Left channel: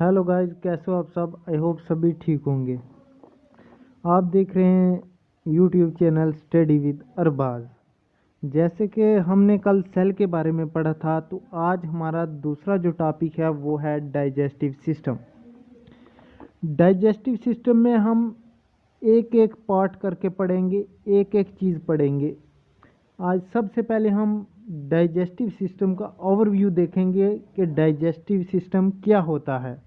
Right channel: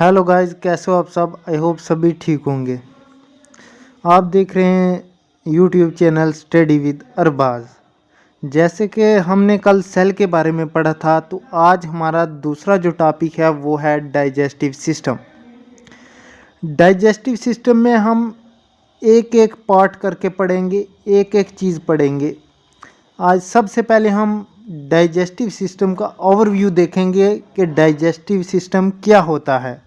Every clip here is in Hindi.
हेलो गाइस, कैसे हो आप सब। आई होप सभी ठीक होंगे। आप देख रहे हैं YouTube channel study with Arbaz. जैसे कि हमने कल सेल के बारे में पढ़ा था, तो आज हमारा दूसरा जो टॉपिक है वो है डाइजेस्टिव सिस्टम। डाइजेस्टिव सिस्टम में हम एक एक पार्ट करके पढ़ेंगे, एक एक चीज़ पढ़ेंगे। आज सबसे पहले हम डाइजेस्टिव सिस्टम का ओवरव्यू देखेंगे कि डाइजेस्टिव सिस्टम क्या होता है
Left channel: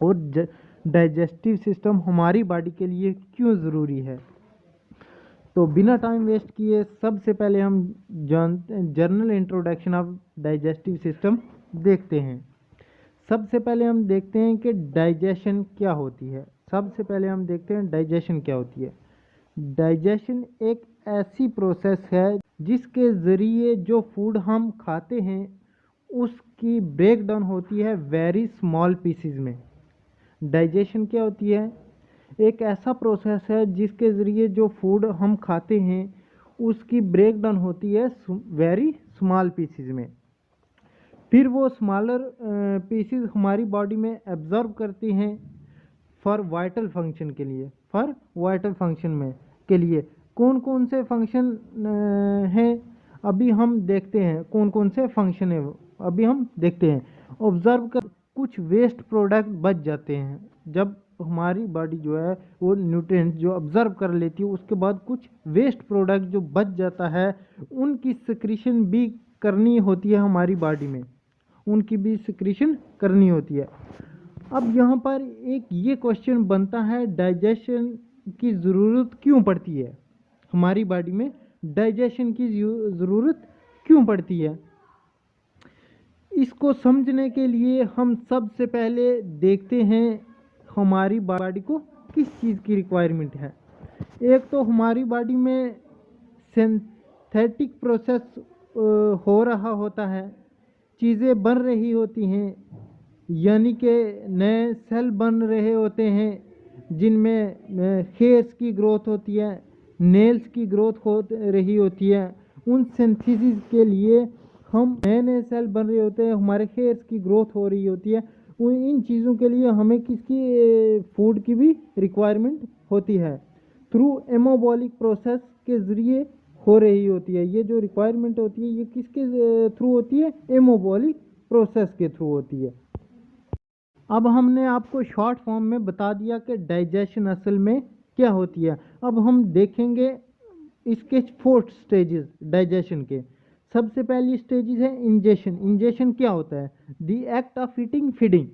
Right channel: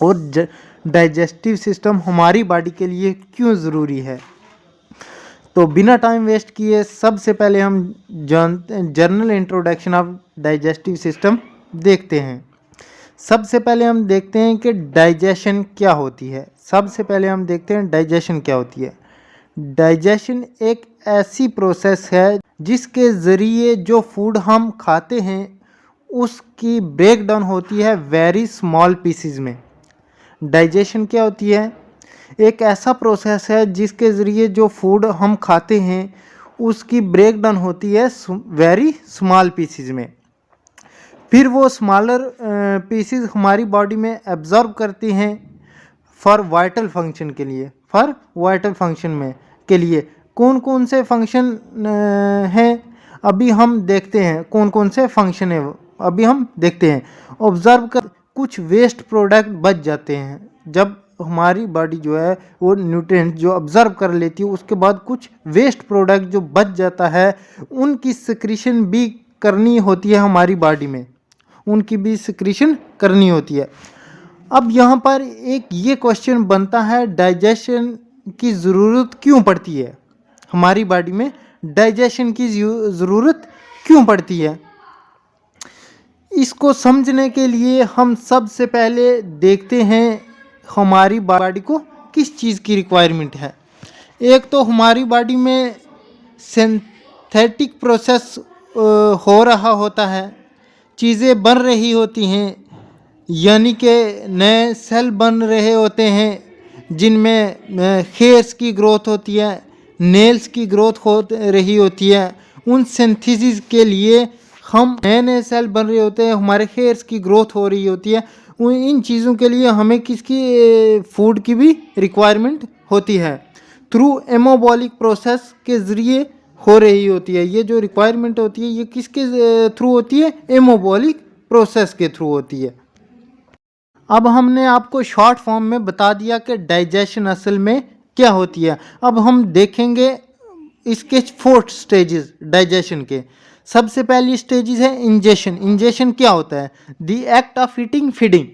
और डाइजेस्टिव सिस्टम हमारी बॉडी के लिए क्यों ज़रूरी है। तो बिना टाइम वेस्ट किए सबसे पहले हम general introduction of digestive system देखते हैं। सबसे पहले हम देखते हैं कि डाइजेशन क्या होती है। सबसे पहले हम देखते हैं डाइजेशन क्या होती है। डाइजेशन एक ऐसी प्रोसेस है जिसके ज़रिए जो फूड हम खाते हैं उसकी ब्रेक डाउन होती है वेरी स्मॉल पीसीज में। डाइजेशन क्या होती है? एक ऐसा प्रोसेस है जिसके ज़रिए जो फूड हम खाते हैं उसकी ब्रेक डाउन होती है वेरी स्मॉल पीसीज में। फिर वो स्मॉलर पीसीज हमारी बॉडी में एब्जॉर्ब करती हैं फॉर वाइटल फंक्शन के लिए। फॉर वाइटल फंक्शन में के लिए कौन कौन से फंक्शन हैं अभी हम देखते हैं। कौन कौन से फंक्शन है अभी हम देखते हैं। ऑब्जर्व कर कुछ वेस्ट प्रोडक्ट बच जाते हैं। जब हमारी बॉडी जो है वो न्यूट्रिएंट जो ऑब्जर्व कर लेती है, उसके बाद कुछ वेस्ट प्रोडक्ट जो बच जाता है उनकी सिक्रीशन भी करनी होती है हमारी बॉडी में। उनकी भी सिक्रीशन करनी होती है। अब यहाँ पर एक ये क्वेश्चन बनता है, डाइजेशन की ज़रूरत क्यों पड़ती है हमारी बॉडी में? डाइजेशन की ज़रूरत क्यों पड़ती है? इसको समझने के लिए हम सबसे पहले देखते हैं हमारी बॉडी को किस चीज़ की रिक्वायरमेंट है। एक तो हमारी बॉडी में सिंथेटिक प्रोसेस हो रहा होता है, चीज़ें बन रही होती हैं, यानी कि नए सेल बन रहे होते हैं जिनमें हेयर्स की ग्रोथ होती है, नेल्स की ग्रोथ हो रही होती है। उन सिंथेसिस के लिए हम नए नए सेल बन रहे होते हैं, हमारे हेयर्स की ग्रोथ हो रही होती है। इन चीज़ों के लिए हमें किसकी फूड की भी रिक्वायरमेंट होती है। थ्रू एमोबॉलिक प्रोसेस के ज़रिए हो रही होती है। ये जो रिक्वायरमेंट होती है ये किसके थ्रू होती है? एमोबॉलिक प्रोसेस के थ्रू होती है। अब हमने आपको शॉर्ट फॉर्म में बता दिया कि डाइजेशन असल में क्या होती है। अब हम देखेंगे इसके 4 स्टेजेस डाइजेशन के। सबसे पहली स्टेजेस है इंजेशन। इंजेशन क्या होता है? The act of eating, feeding.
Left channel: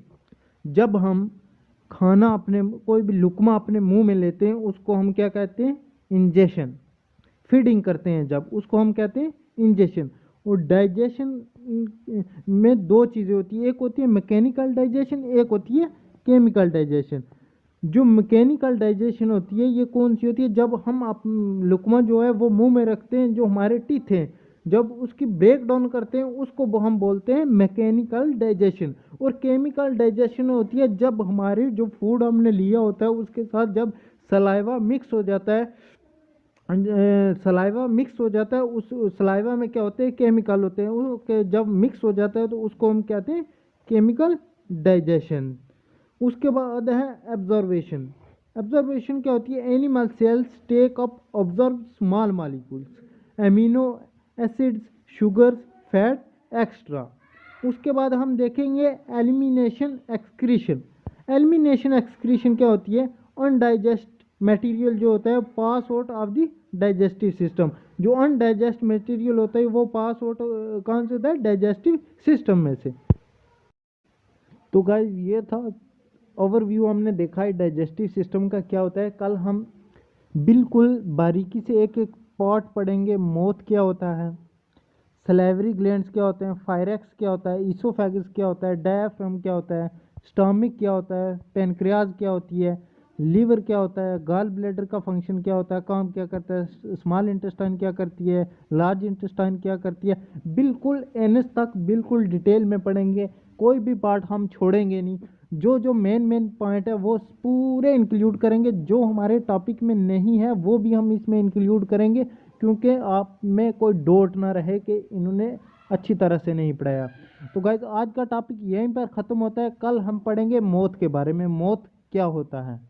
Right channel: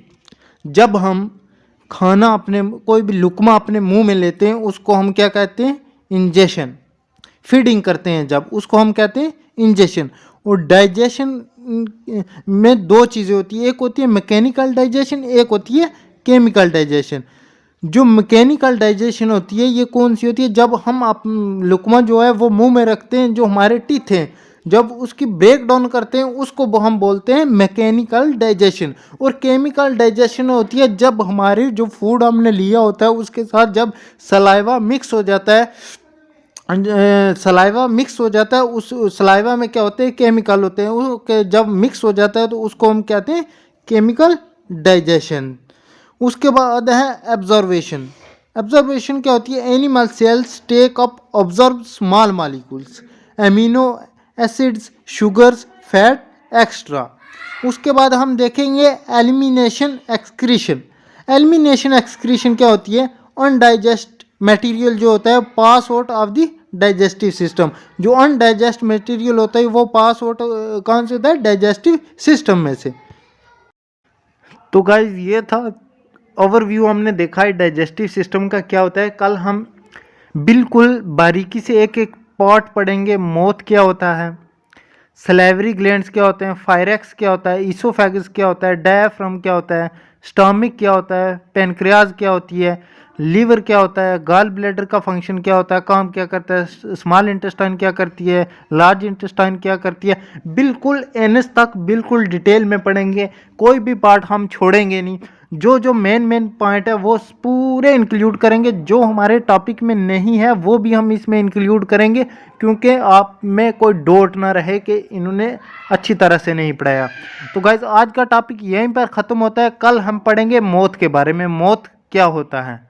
जब हम खाना अपने कोई भी लुकमा अपने मुंह में लेते हैं उसको हम क्या कहते हैं? इंजेशन। फीडिंग करते हैं जब, उसको हम कहते हैं इंजेशन। और डाइजेशन में 2 चीज़ें होती है, एक होती है मैकेनिकल डाइजेशन, एक होती है केमिकल डाइजेशन। जो मैकेनिकल डाइजेशन होती है ये कौन सी होती है? जब हम लुकमा जो है वो मुंह में रखते हैं, जो हमारे टीथ हैं, जब उसकी ब्रेक डाउन करते हैं उसको हम बोलते हैं मैकेनिकल डाइजेशन। और केमिकल डाइजेशन होती है जब हमारे जो फूड हमने लिया होता है उसके साथ जब सलाइवा मिक्स हो जाता है, सलाइवा मिक्स हो जाता है, उस सलाइवा में क्या होते हैं? केमिकल होते हैं। वो जब मिक्स हो जाता है तो उसको हम कहते हैं केमिकल डाइजेशन। उसके बाद है एब्जॉर्वेशन। एब्जॉर्वेशन क्या होती है? Animal cells take up observe small molecules, amino acids, sugars, fat extra. उसके बाद हम देखेंगे एलिमिनेशन एक्सक्रीशन। एलिमिनेशन एक्सक्रीशन क्या होती है? अनडाइजेस्ट मटेरियल जो होता है pass out of the digestive system. जो अनडाइजेस्ट मटेरियल होता है वो पास आउट कौन से होता है? डाइजेस्टिव सिस्टम में से। तो गाइस ये था ओवरव्यू, हमने देखा है डाइजेस्टिव सिस्टम का क्या होता है। कल हम बिल्कुल बारीकी से एक एक पार्ट पढ़ेंगे। मौथ क्या होता है, सलेवरी ग्लैंड्स क्या होते हैं, फायरेक्स क्या होता है, ईसोफेगस क्या होता है, डायफ्राम क्या होता है, स्टमक क्या होता है, पेनक्रियाज क्या होती है, लीवर क्या होता है, गॉल ब्लैडर का फंक्शन क्या होता है, काम क्या करता है, स्मॉल इंटेस्टाइन क्या करती है, लार्ज इंटेस्टाइन क्या करती है। बिल्कुल एनएस तक बिल्कुल डिटेल में पढ़ेंगे, कोई भी पार्ट हम छोड़ेंगे नहीं। जो जो मेन पॉइंट है वो पूरे इंक्लूड करेंगे। जो हमारे टॉपिक में नहीं है वो भी हम इसमें इंक्लूड करेंगे, क्योंकि आप में कोई डाउट ना रहे कि इन्होंने अच्छी तरह से नहीं पढ़ाया। तो गाइज आज का टॉपिक यहीं पर ख़त्म होता है। कल हम पढ़ेंगे मौत के बारे में, मौत क्या होता है।